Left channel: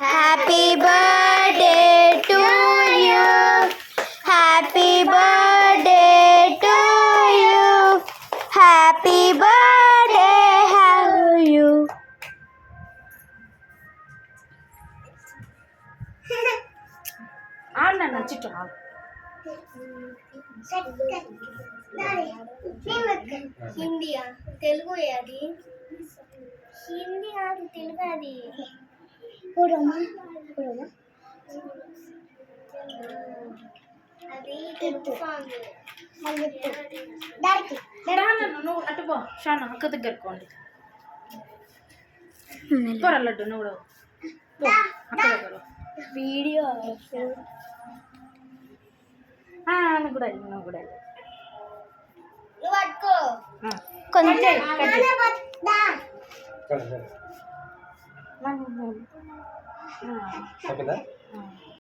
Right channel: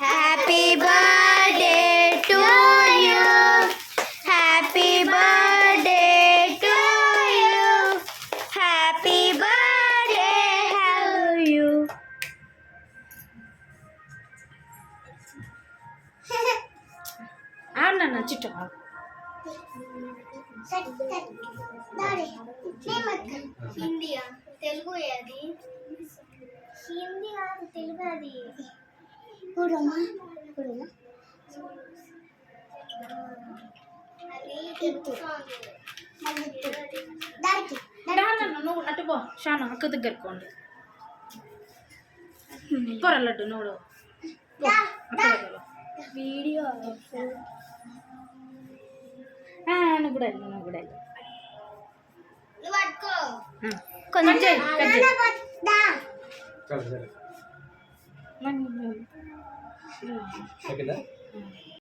Happy birthday to you, happy birthday to you, happy birthday you. ఆడినా చుట్టూ హిందీ తెలుగు అది హిందీ అది తెలుగు అది నువ్వు అటు పో షాను అక్క దగ్గరకోండి పోరా లడ్డు నువ్వు పో, అక్క దగ్గర వీడియో నువ్వు కూడా వెళ్ళు, నువ్వు కూడా వెళ్ళు. కొంచెం కట్ చేయి.